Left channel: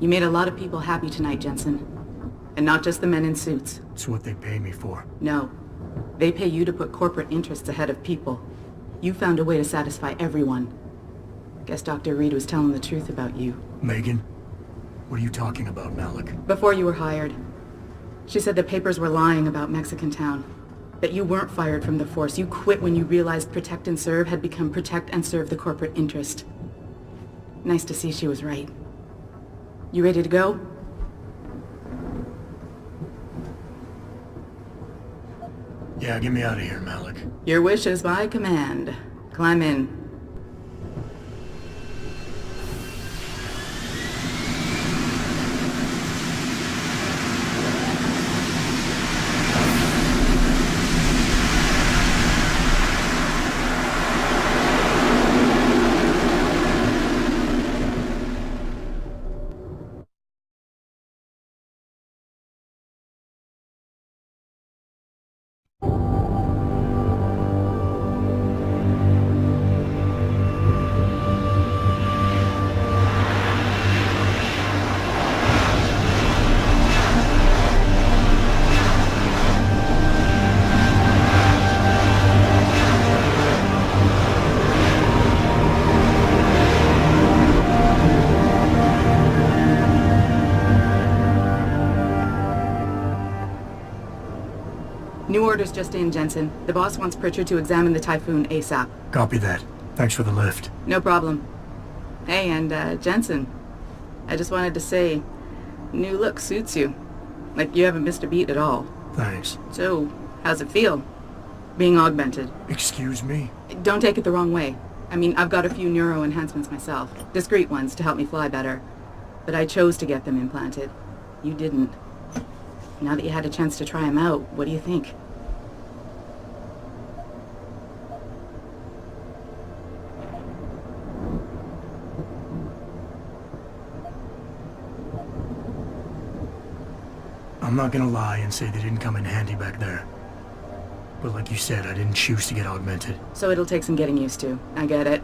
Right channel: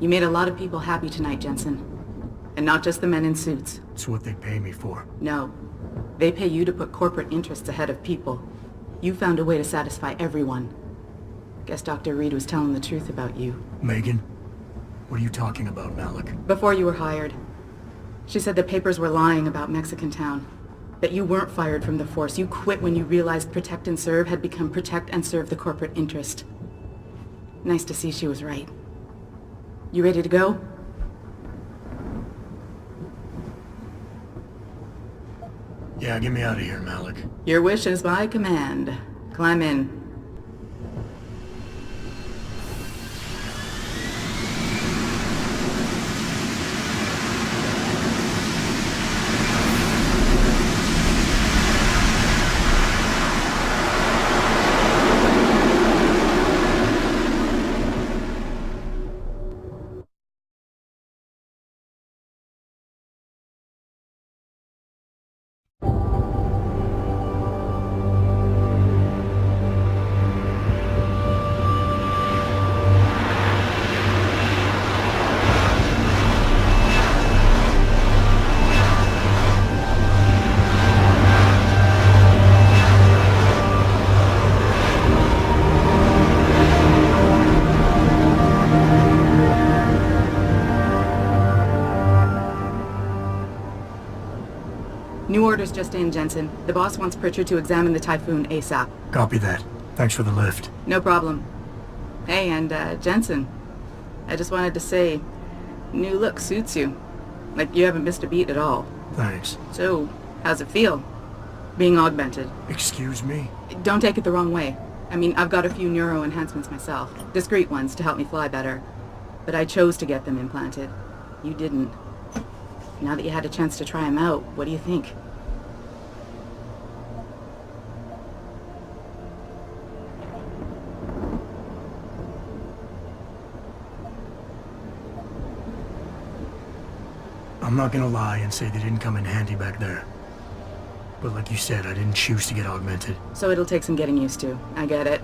You made a lot of people happy tonight, Jensen. And not just the men in suits. It's what they pay me for. No. They pay you to put corporate interests ahead of people. You found a way to satisfy everyone. Guess Dr. Reed was telling the truth about you. Megan? What are you talking about, Malik? Before you were hired, she said the papers were lying about Mexican Town. That you weren't fired from the force. You quit when you realized protect and serve had become protect and serve the corporate interest. Nice to see she was right. You ready to go? Yeah, get me out of here, Malik. Your wish is my command. Climb in. New orders just in, Jensen. The boss wants Pritchard to examine the Typhoon ASAP. Copy that. Thanks for the lift. No problem. Hey, and Jensen, I just wanted to say, new look suits you. Like you haven't missed a beat at all. Thanks. So, how's it feel? Being augmented? Excuse me? Don't take it the wrong way. I mean, I've got a few neuro enhancements myself. Discreet ones to help me fly better. But I chose to get them implanted. You didn't. Now that you had a chance to try them out, what do you think? I'm not gonna lie and say they didn't come in handy back there. But like you said, I didn't choose to get augmented. So it'll take some getting used to. I get it.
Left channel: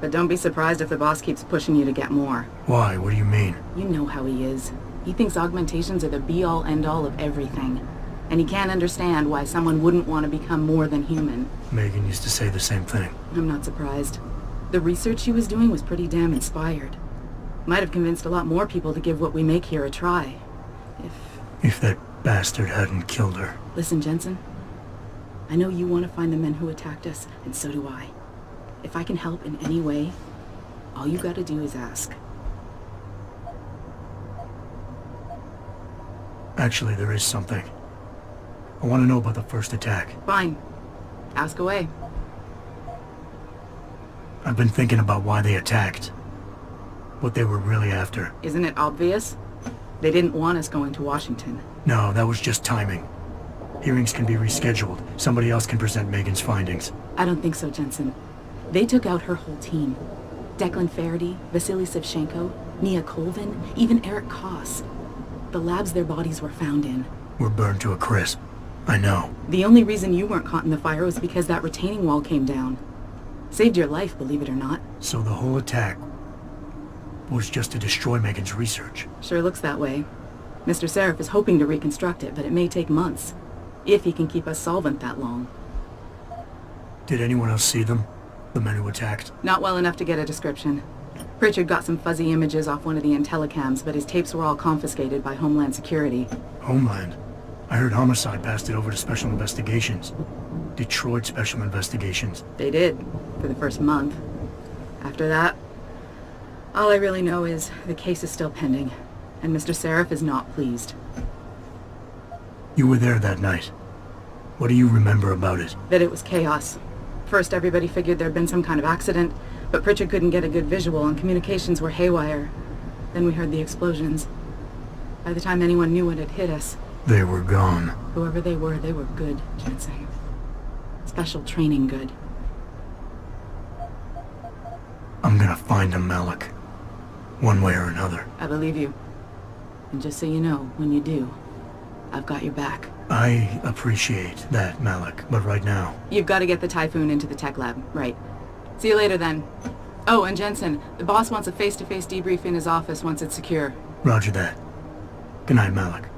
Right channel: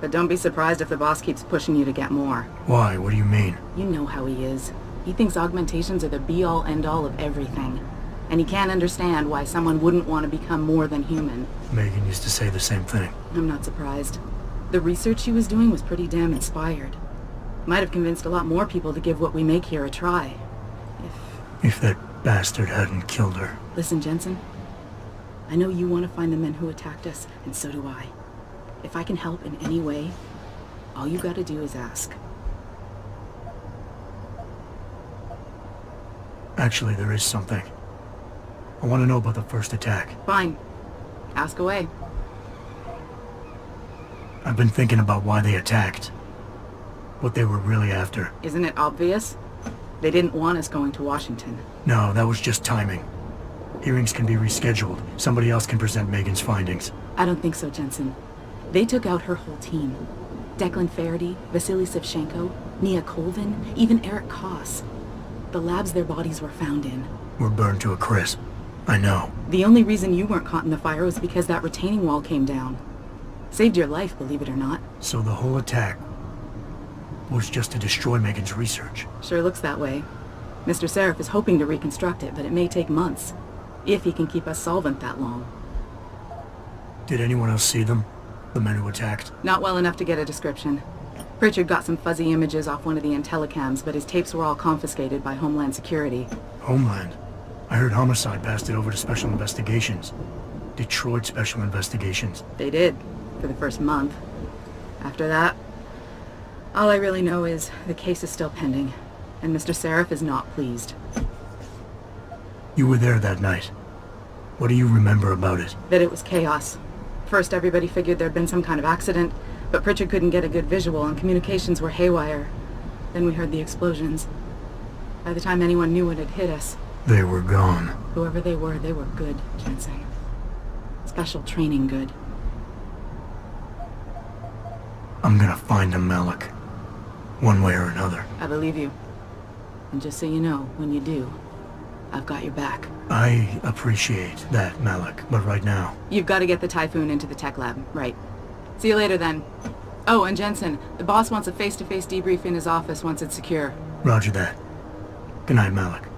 But don't be surprised if the boss keeps pushing you to get more. Why? What do you mean? You know how he is. He thinks augmentations are the be-all, end-all of everything. And he can't understand why someone wouldn't want to become more than human. Megan used to say the same thing. I'm not surprised. The research she was doing was pretty damn inspired. Might have convinced a lot more people to give what we make here a try. If that bastard hadn't killed her. Listen, Jensen. I know you want to find the men who attacked us, and so do I. If I can help in any way, all you gotta do is ask. Actually, there is something. I want to know about the first attack. Fine. Ask away. I've been thinking about why they attacked. What they were really after. Isn't it obvious? They didn't want us going to Washington. No, that was just timing. Hearings can be rescheduled. Somebody else can present Megan's findings. I don't think so, Jensen. They took out her whole team. Declan Faraday, Vasily Savchenko, Nia Colvin, even Eric Koss. The labs their bodies were found in. Were burned to a crisp. I know. The only reason you weren't caught in the fire was because that retaining wall came down. Saved your life, believe it or not. So the whole attack was just to destroy Megan's research. Sure looks that way. Mr. Seraph is hoping to reconstruct it, but it may take months. If he can keep us solvent that long. Did anyone else see them? The men who attacked? Not well enough to get a description. Pritchard got some fuzzy images off one of the Intellicams, but his tapes were all confiscated by Homeland Security. Homeland? I heard Homicide passed it over to Special Investigations. Detroit Special Investigations. They did, for the first month. After that, all I really know is the case is still pending, and Mr. Seraph is not pleased. You were there that night. What do you remember about it? That it was chaos. First, everybody figured there'd been some kind of accident, but Pritchard couldn't get a good visual and communications were haywire. Then we heard the explosions. By the time anyone knew what had hit us... They were gone. Whoever they were good, Jensen. Special training good. I'm gonna find them, Malik. One way or another. I believe you. And just so you know, when you do, I've got your back. I appreciate that, Malik, but right now... You've got to get the Typhoon into the tech lab, right. See you later then. Oh, and Jensen, the boss wants a face-to-face debrief in his office once it's secure. Roger that. Good night, Malik.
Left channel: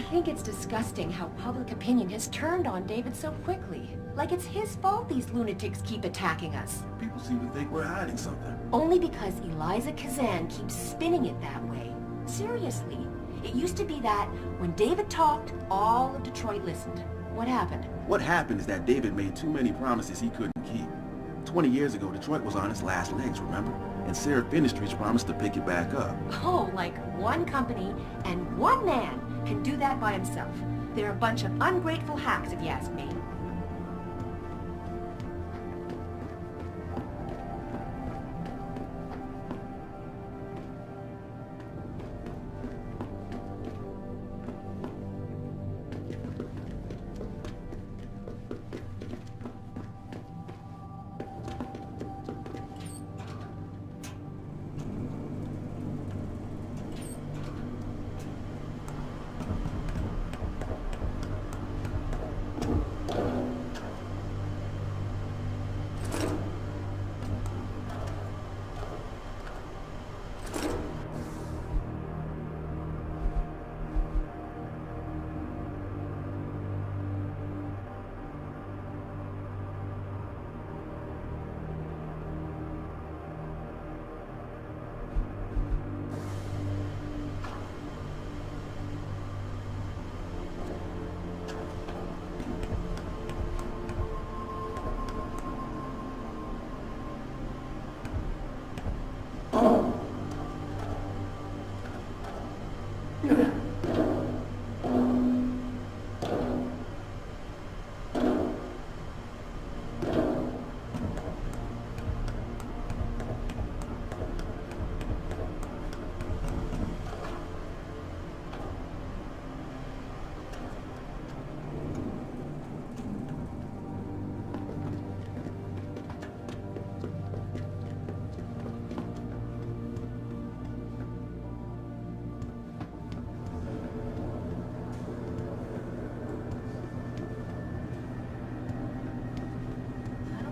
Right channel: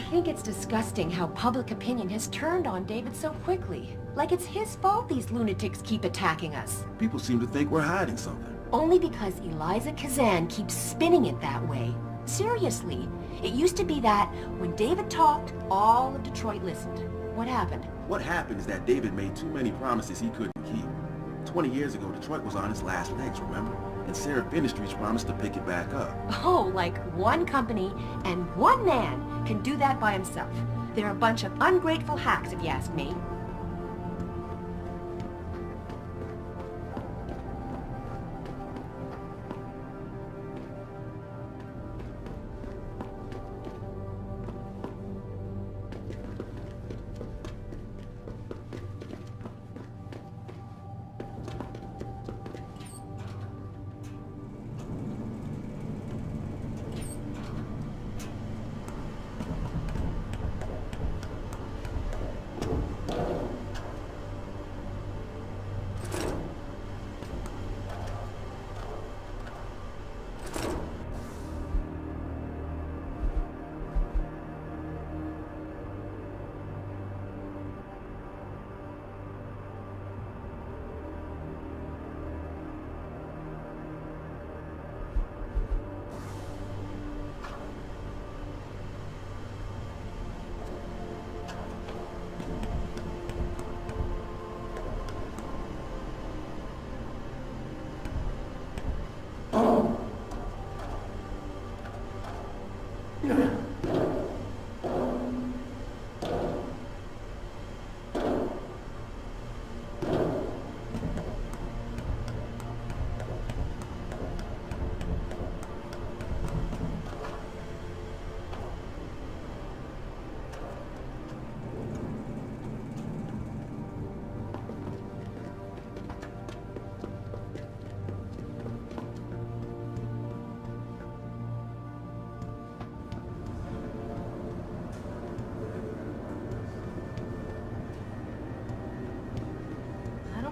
I think it's disgusting how public opinion has turned on David so quickly. Like it's his fault these lunatics keep attacking us. People seem to think we're hiding something. Only because Eliza Kazan keeps spinning it that way. Seriously, it used to be that when David talked, all of Detroit listened. What happened? What happened is that David made too many promises he couldn't keep. 20 years ago, Detroit was on its last legs, remember? And Seraph Industries promised to pick it back up. Oh, like one company and one man can do that by himself. They're a bunch of ungrateful hacks, if you ask me.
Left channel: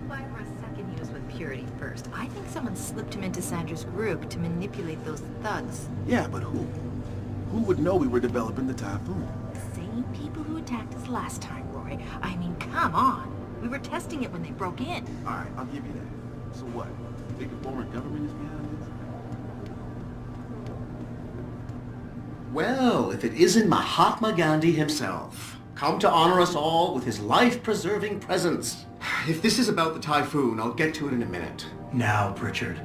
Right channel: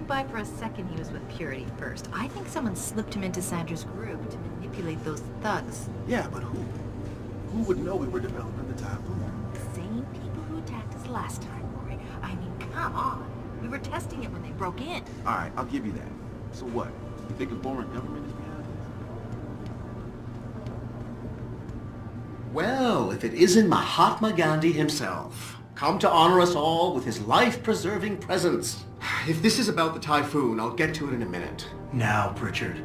buy for a second he was with Purity first. I think someone slipped him into Sandra's group to manipulate those thugs. Yeah, but who? Who would know we were developing the Typhoon? The same people who attacked us last time, Roy. I mean, come on. We were testing it when they broke in. Alright, I'll give you that. So what? You think a foreign government is behind this? Well, if it isn't Mahatma Gandhi himself, come to honor us all with his life-preserving presence. If this is about the Typhoon, I'll get to it in a minute. Now, Pritchard.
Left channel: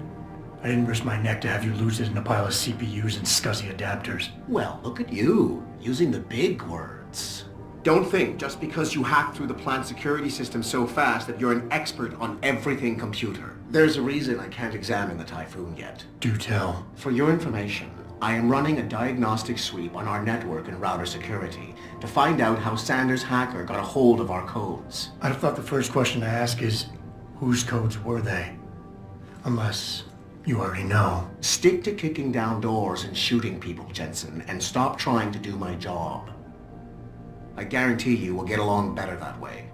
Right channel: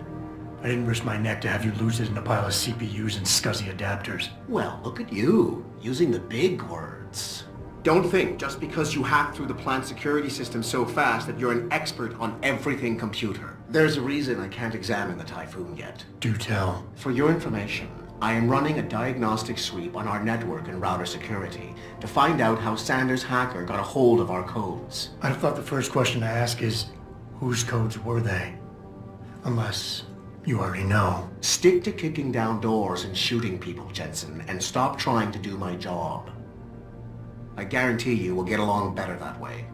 I didn't risk my neck to have you lose it in a pile of CPUs and scuzzy adapters. Well, look at you, using the big words. Don't think just because you hacked through the plant security system so fast that you're an expert on everything computer. There's a reason I can't examine the Typhoon yet. Do tell. For your information, I am running a diagnostic sweep on our network and router security to find out how Sanders' hacker got a hold of our codes. I'd have thought the first question to ask is, whose codes were they? Unless you already know. Stick to kicking down doors and shooting people, Jensen, and stop trying to do my job. I guarantee you we'll get along better that way.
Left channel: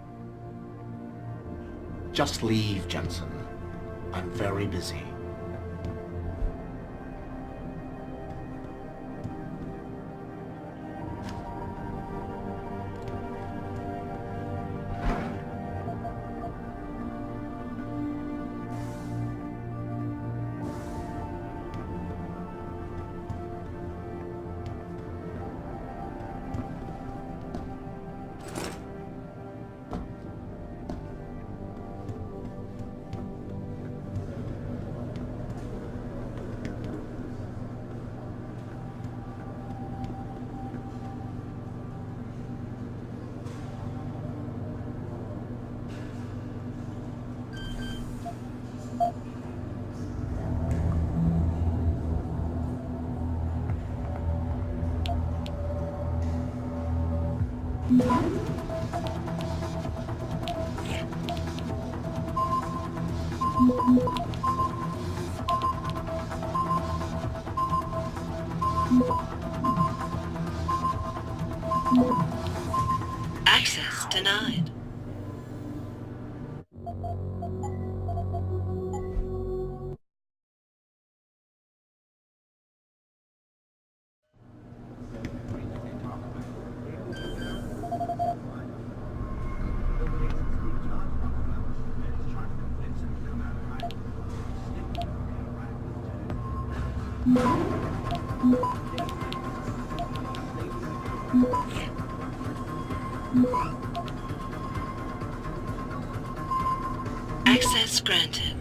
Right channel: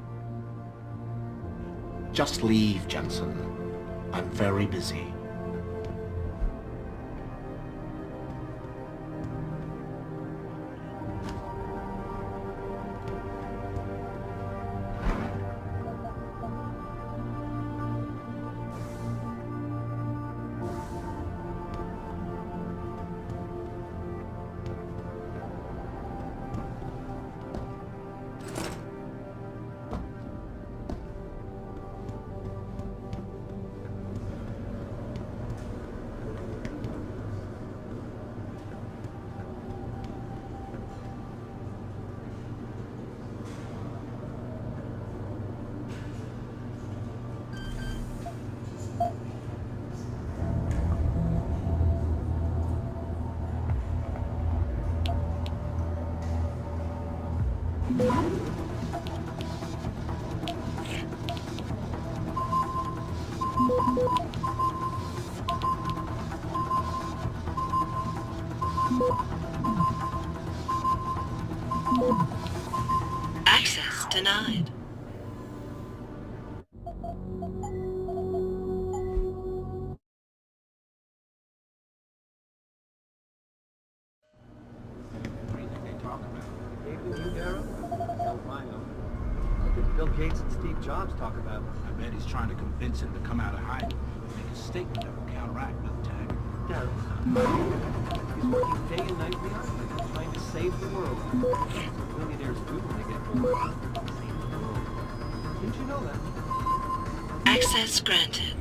Just leave, Jensen. I'm very busy. Access denied. Bill Gates and Steve Jobs talk about. I bet he's trying to convince him to come out of hiding. Make a statement that will counteract with tag. Day and night, trying to save the world. Millionaires bootlegging. Did you know that? Access granted.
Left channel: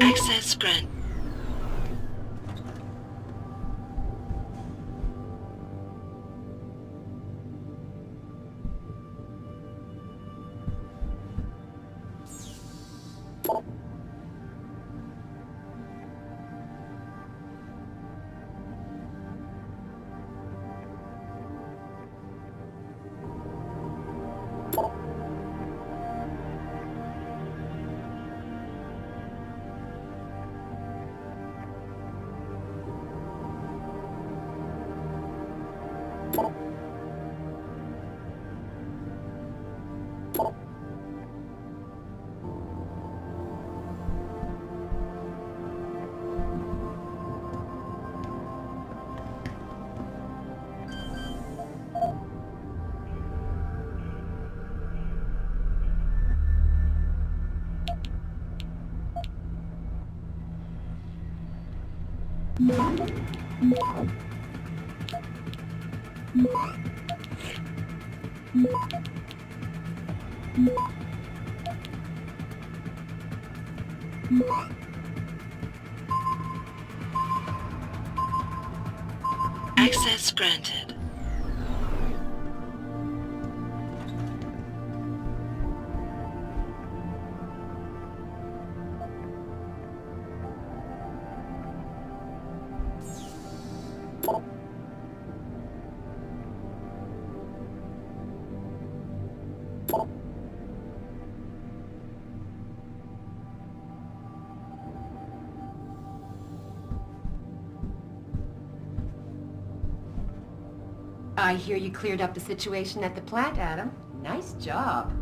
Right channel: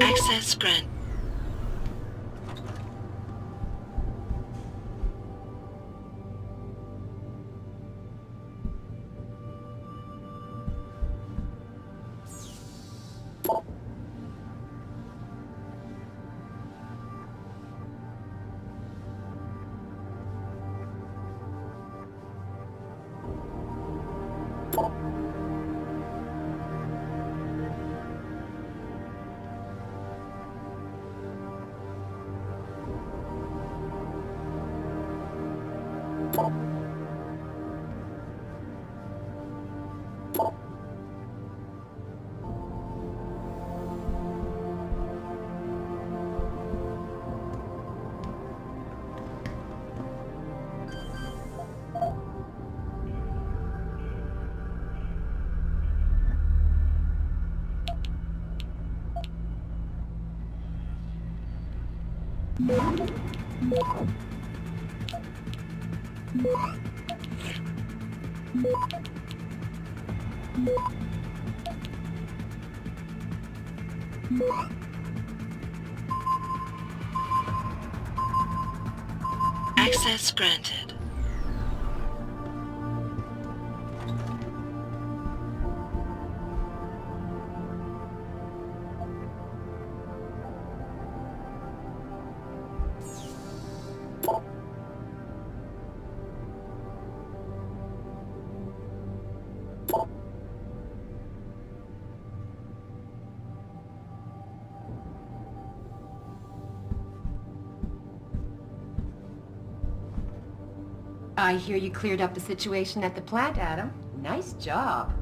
Access granted. Access granted. I hear you cleared up the situation at the plant, Adam. Nice job.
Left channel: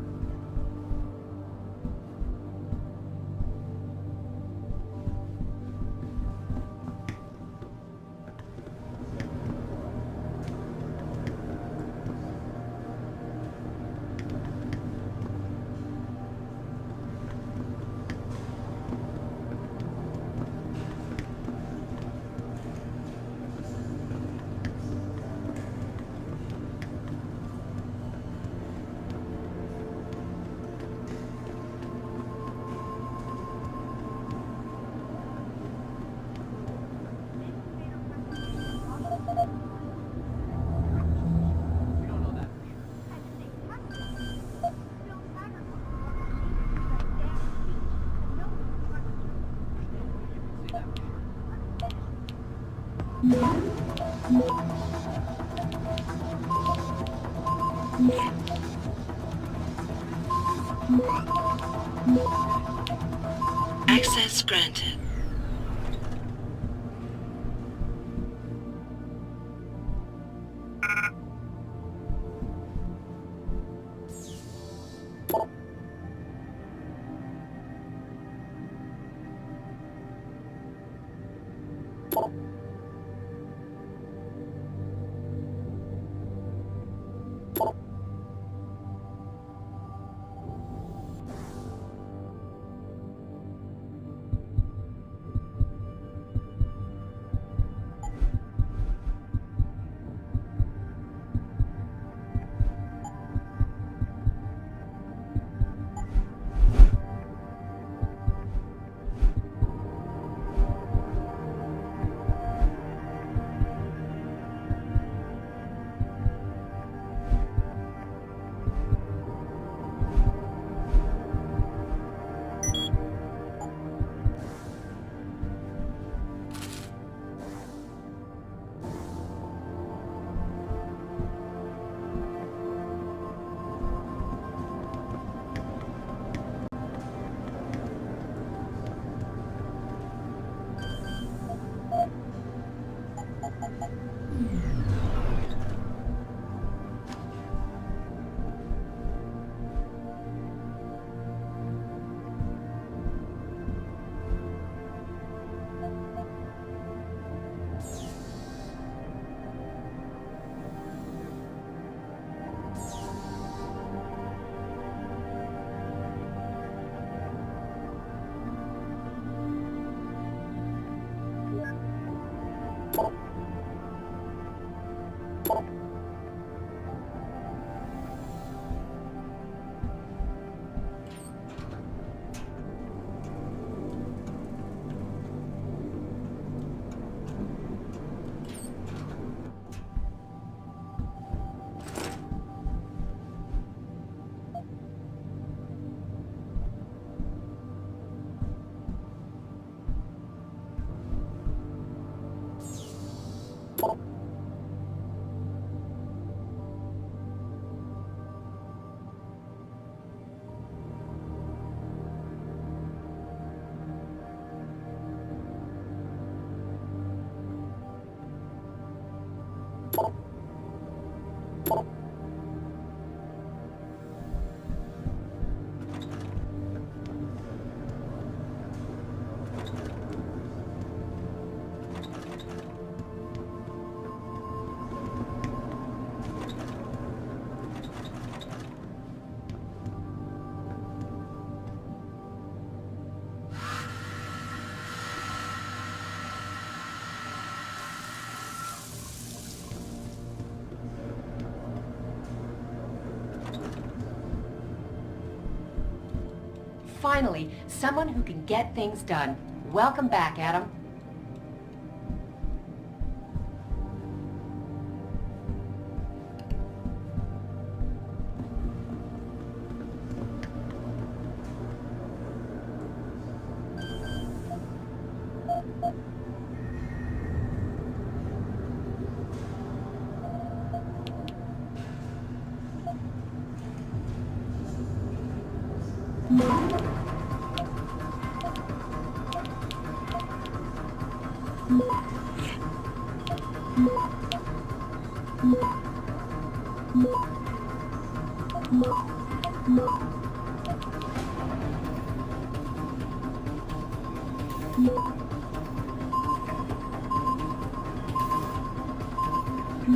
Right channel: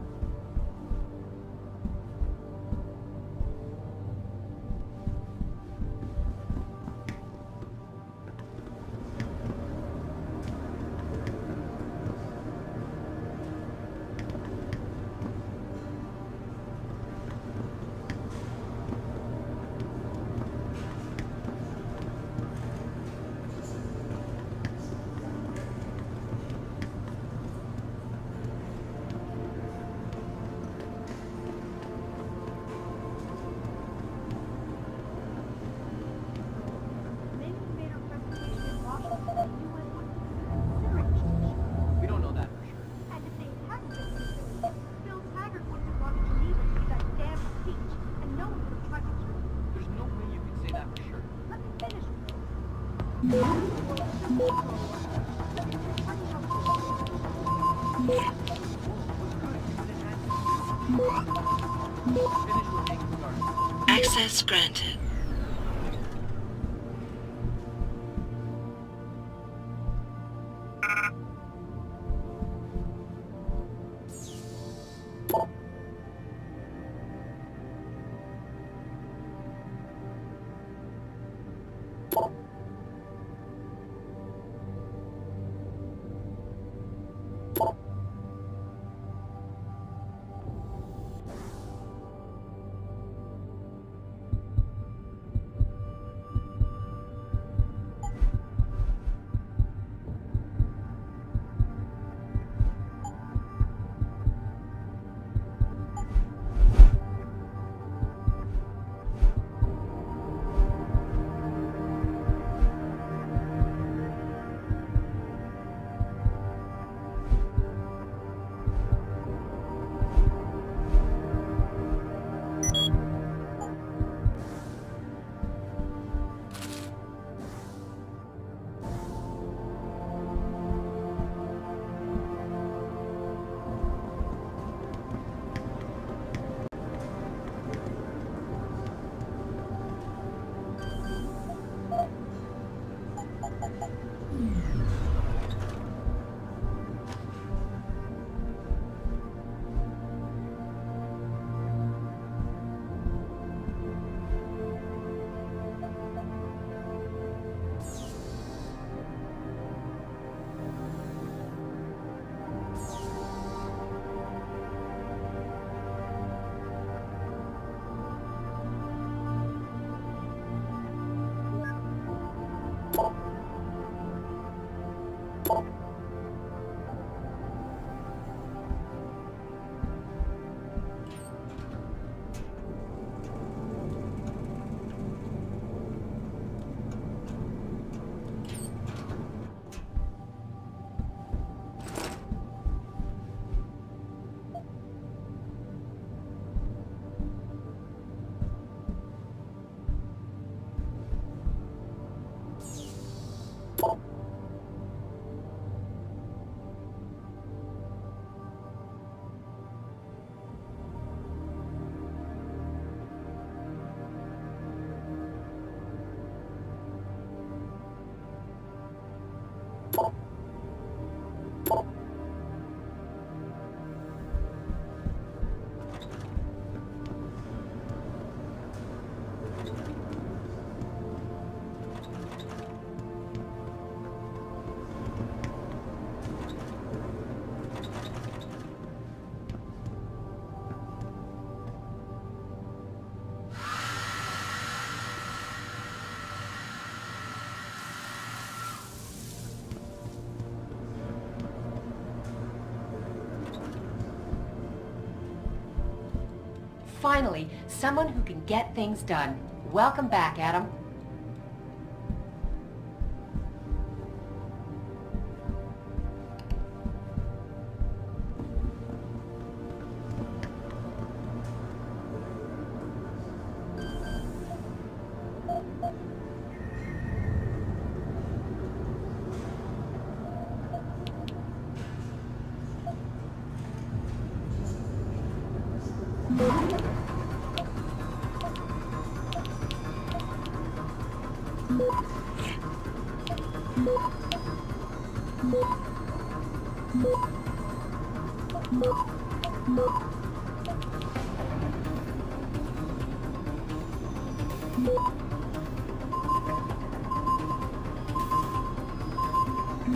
We don't know that for sure. There's no way you can say that for sure. Access granted. Finally, someone who can get things done. Welcome back, Adam.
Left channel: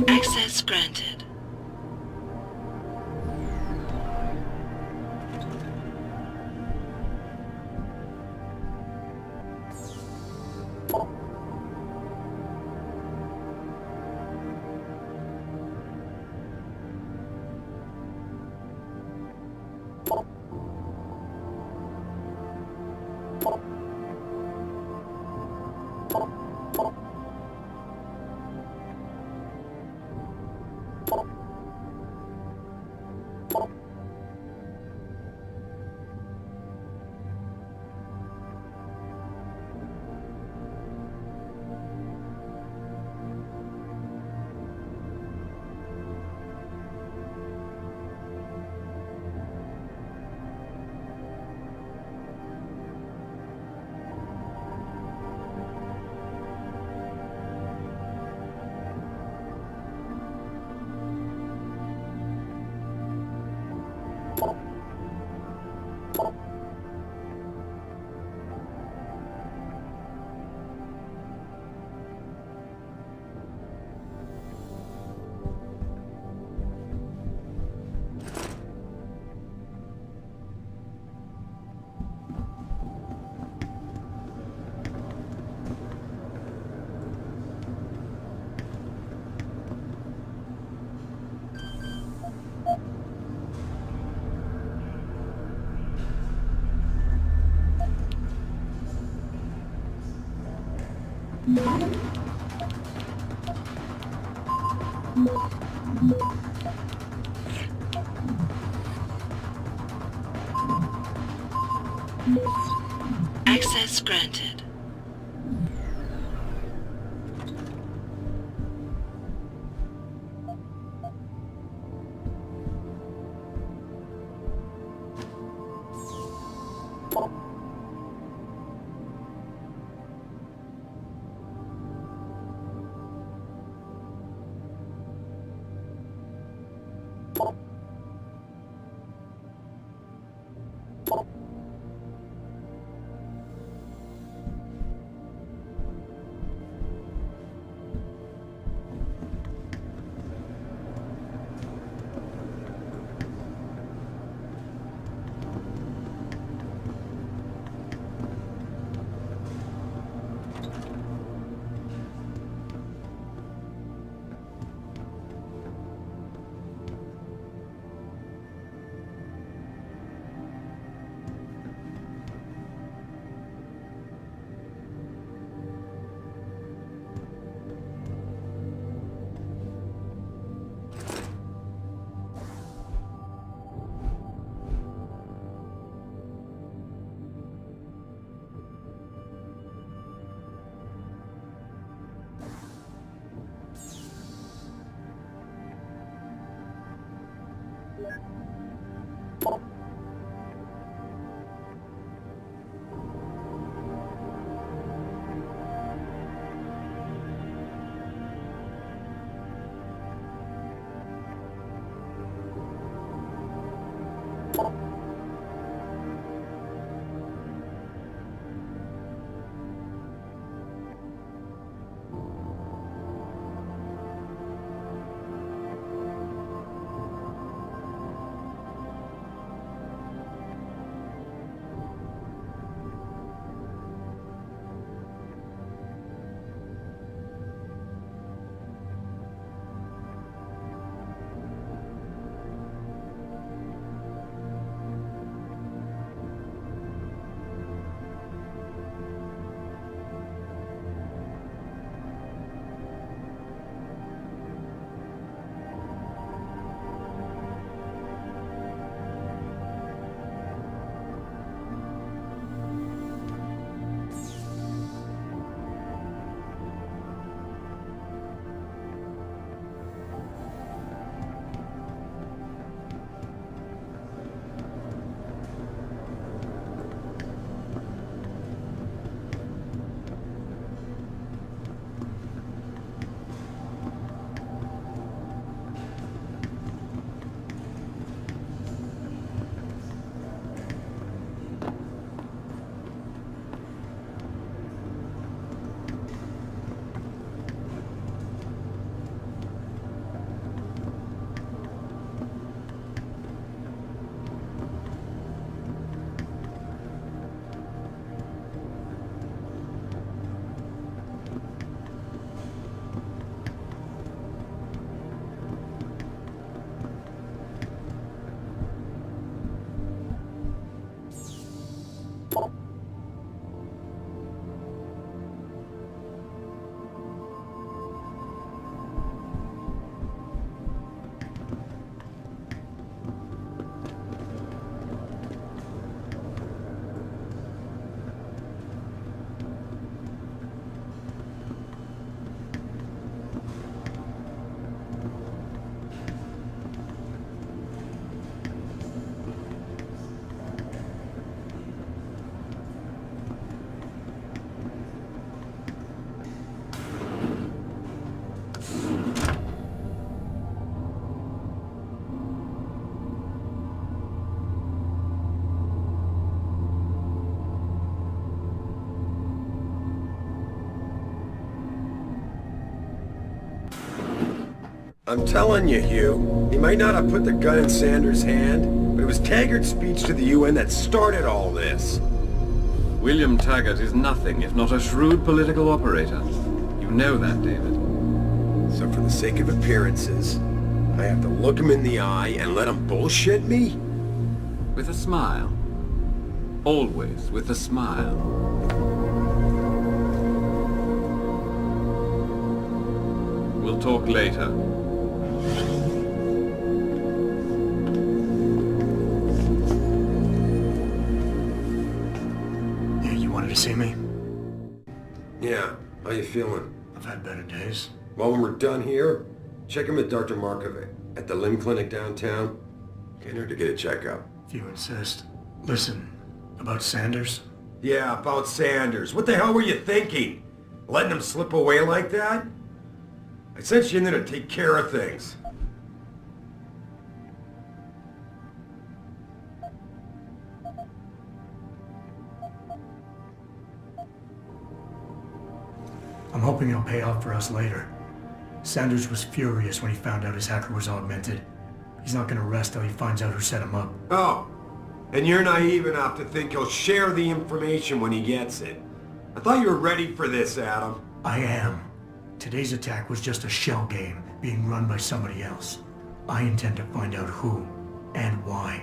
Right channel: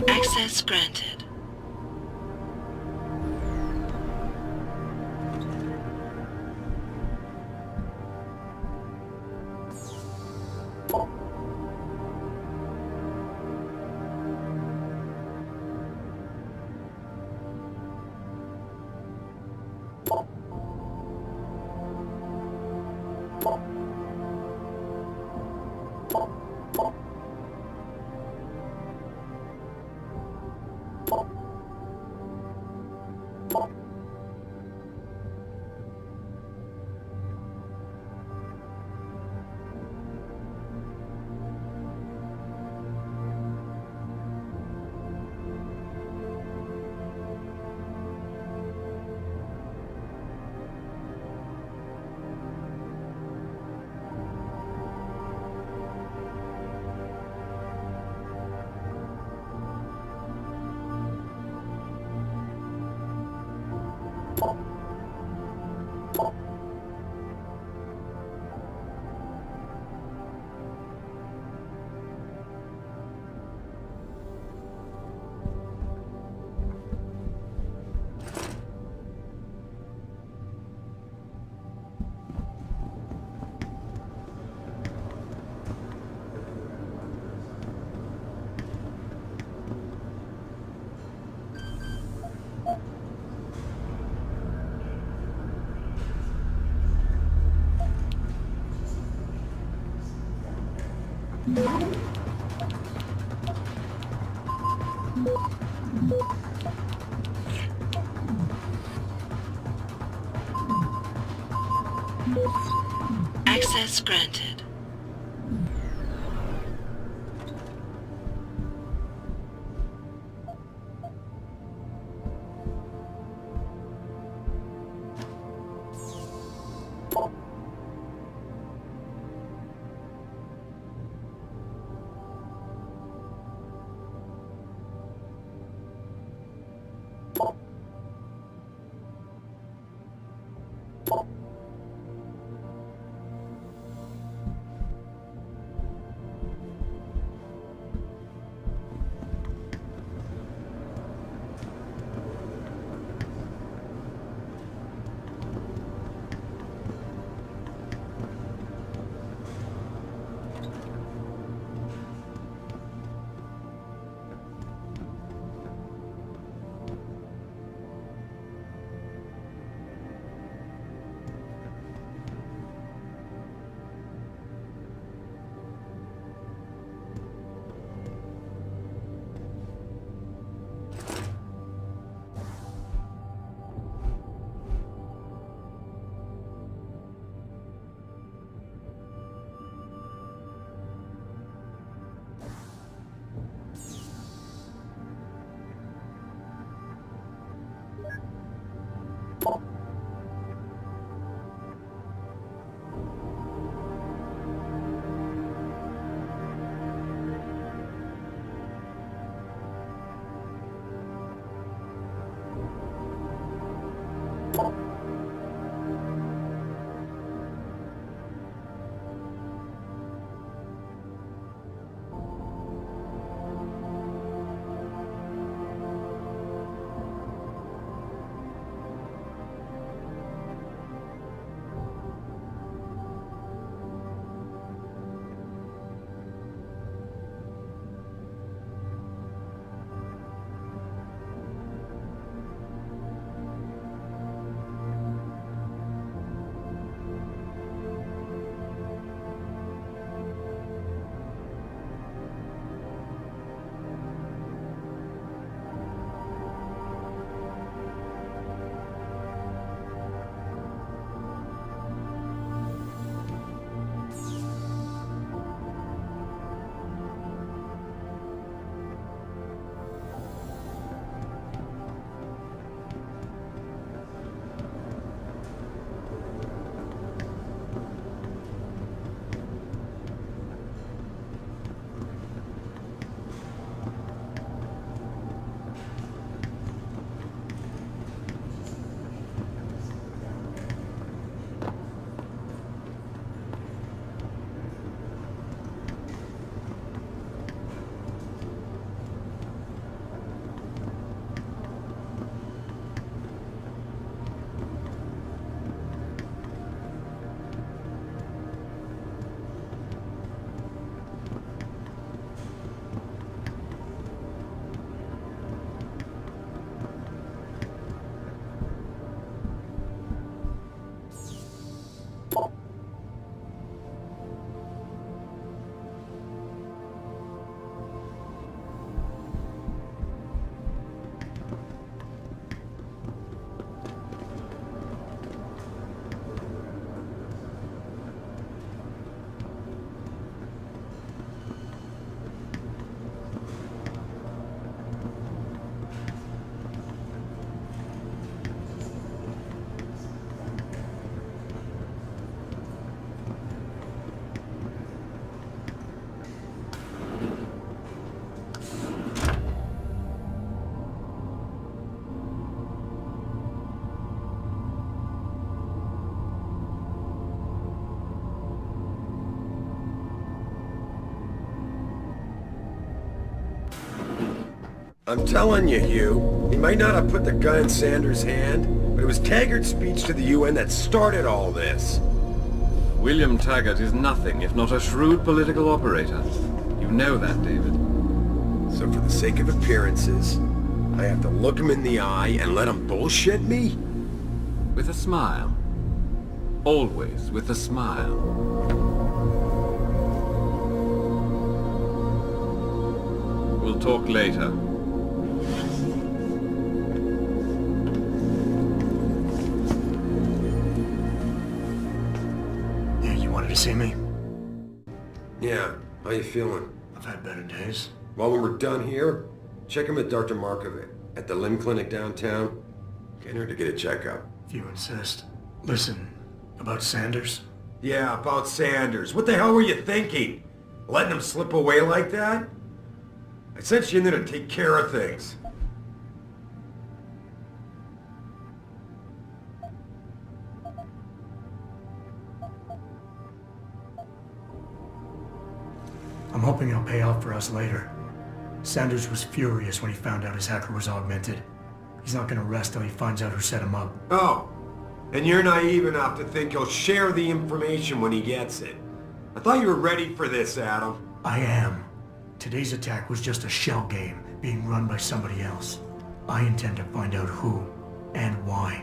Access granted. Access granted. I'm telling you, Hugh, he might not have put the gun in Sanders' hand, but it was Taggart's speech to the UN that started all this. William Taggart is nothing if not a shrewd political operator. You know that, David. So for the sake of appearances, I have to look him in the eye and let him bullshit me? With a smile. Always with a smile. We'll talk later. Yeah, you wanted to see me? Yeah, how you feeling? I've had better days. Well, when we're done here, check him at Dr. Markovic at the limb clinic downtown. Get her to get a checkup. If you insist. Listen, about Sanders? Yeah, about Sanders. What the hell were you thinking? Letting him slip away like that? I sent you in there to take care of things. I'm hoping it'll pay off for us later. Sanders was furious when he found out his hacker was augmented. He's not gonna rest till he finds out who set him up. Oh, and you're naive enough to think he'll share the information when he gets it. I thought you were ready for this, Adam. I am. Today's attack was just a shell game being run by somebody else. I intend to find out who and why,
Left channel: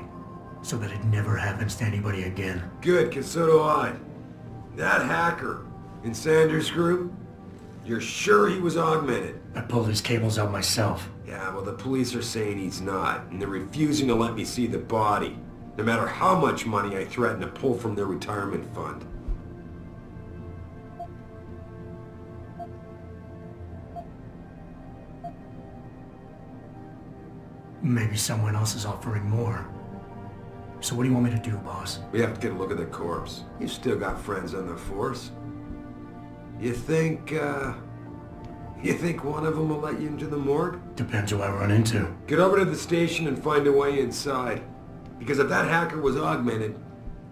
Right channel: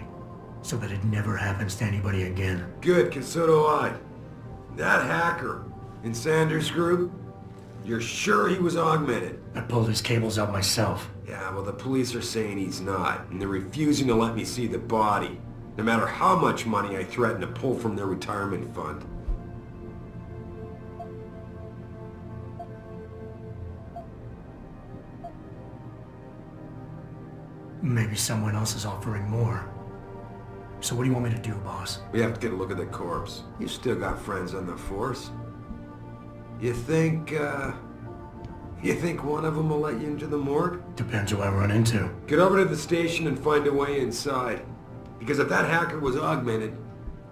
so that it never happens to anybody again. Good, 'cause so do I. That hacker in Sanders' group, you're sure he was augmented? I pulled his cables out myself. Yeah, well, the police are saying he's not, and they're refusing to let me see the body, no matter how much money I threaten to pull from their retirement fund. Maybe someone else is offering more. So what do you want me to do, boss? We have to get a look at the corpse. You still got friends on the force. You think one of them will let you into the morgue? Depends who I run into. Get over to the station and find a way inside. Because if that hacker was augmented,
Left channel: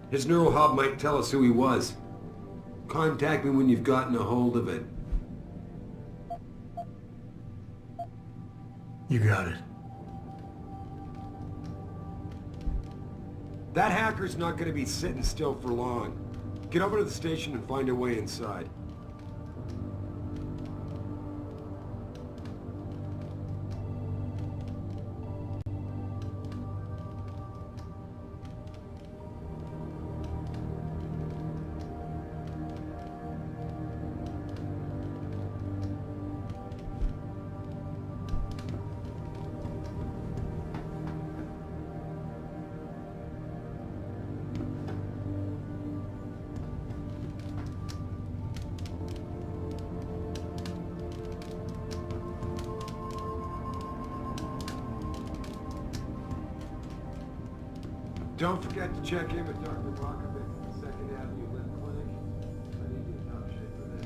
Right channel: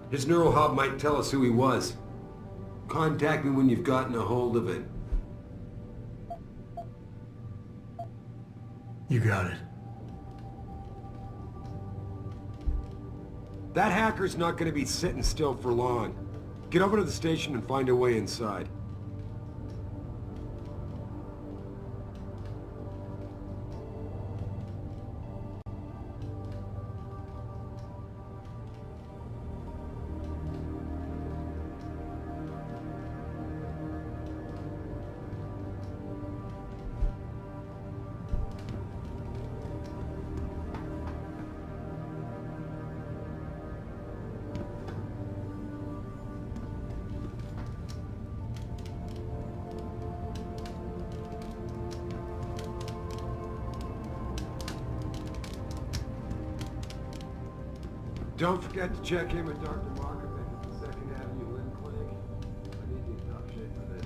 his neural hub might tell us who he was. Contact me when you've gotten a hold of it. You got it. That hacker's not going to be sitting still for long. Get over to the station and find a way inside. Don't forget to check in with Dr. Markovic at the 2nd Avenue Limb Clinic. I need you in top shape for this.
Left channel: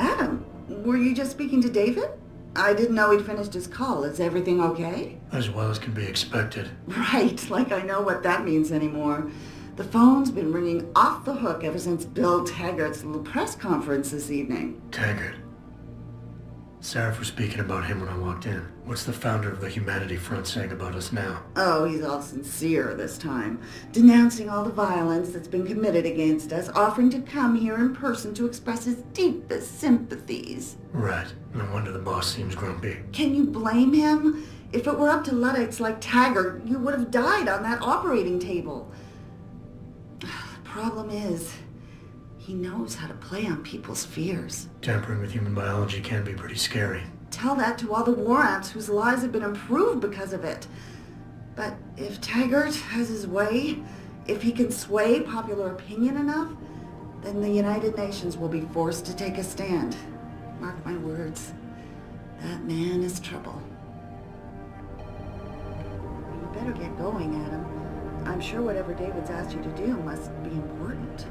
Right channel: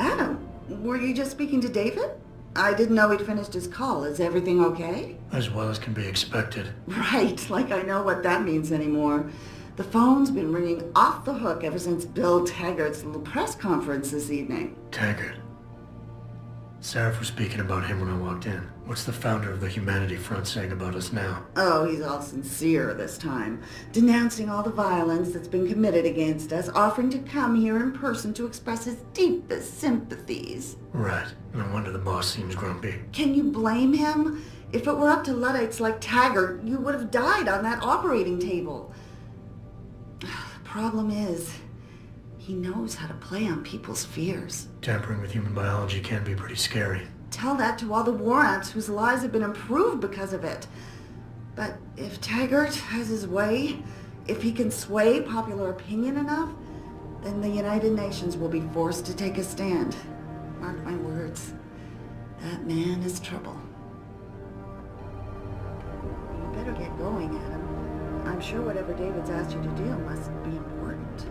Adam, were you just speaking to David? I didn't know he'd finished his call. Is everything okay? As well as can be expected. Right, like I know what that means anymore. The phone's been ringing off the hook ever since Bill Taggart's little press conference this evening. Taggart. Sarah was speaking about him when I walked in. What's the founder of the Humanity Front saying about us now? Oh, he's all sincere this time, denouncing all the violence that's been committed against us, offering to come here in person to express his deepest sympathies. Right. No wonder the boss seems grumpy. Can you blame him? If it were up to Luddites like Taggart, you would have died on that operating table. The problem is, he knows how to play on people's fears. Tampering with human biology can be pretty scary. Tell that to all the war ants whose lives have been improved because of it. But if Taggart has his way, if he can sway popular opinion enough, then the United Nations will be forced to take a stand. Mark my words, that man is trouble. You better get going, Adam. I'm sure whatever David's asked you to do must be important.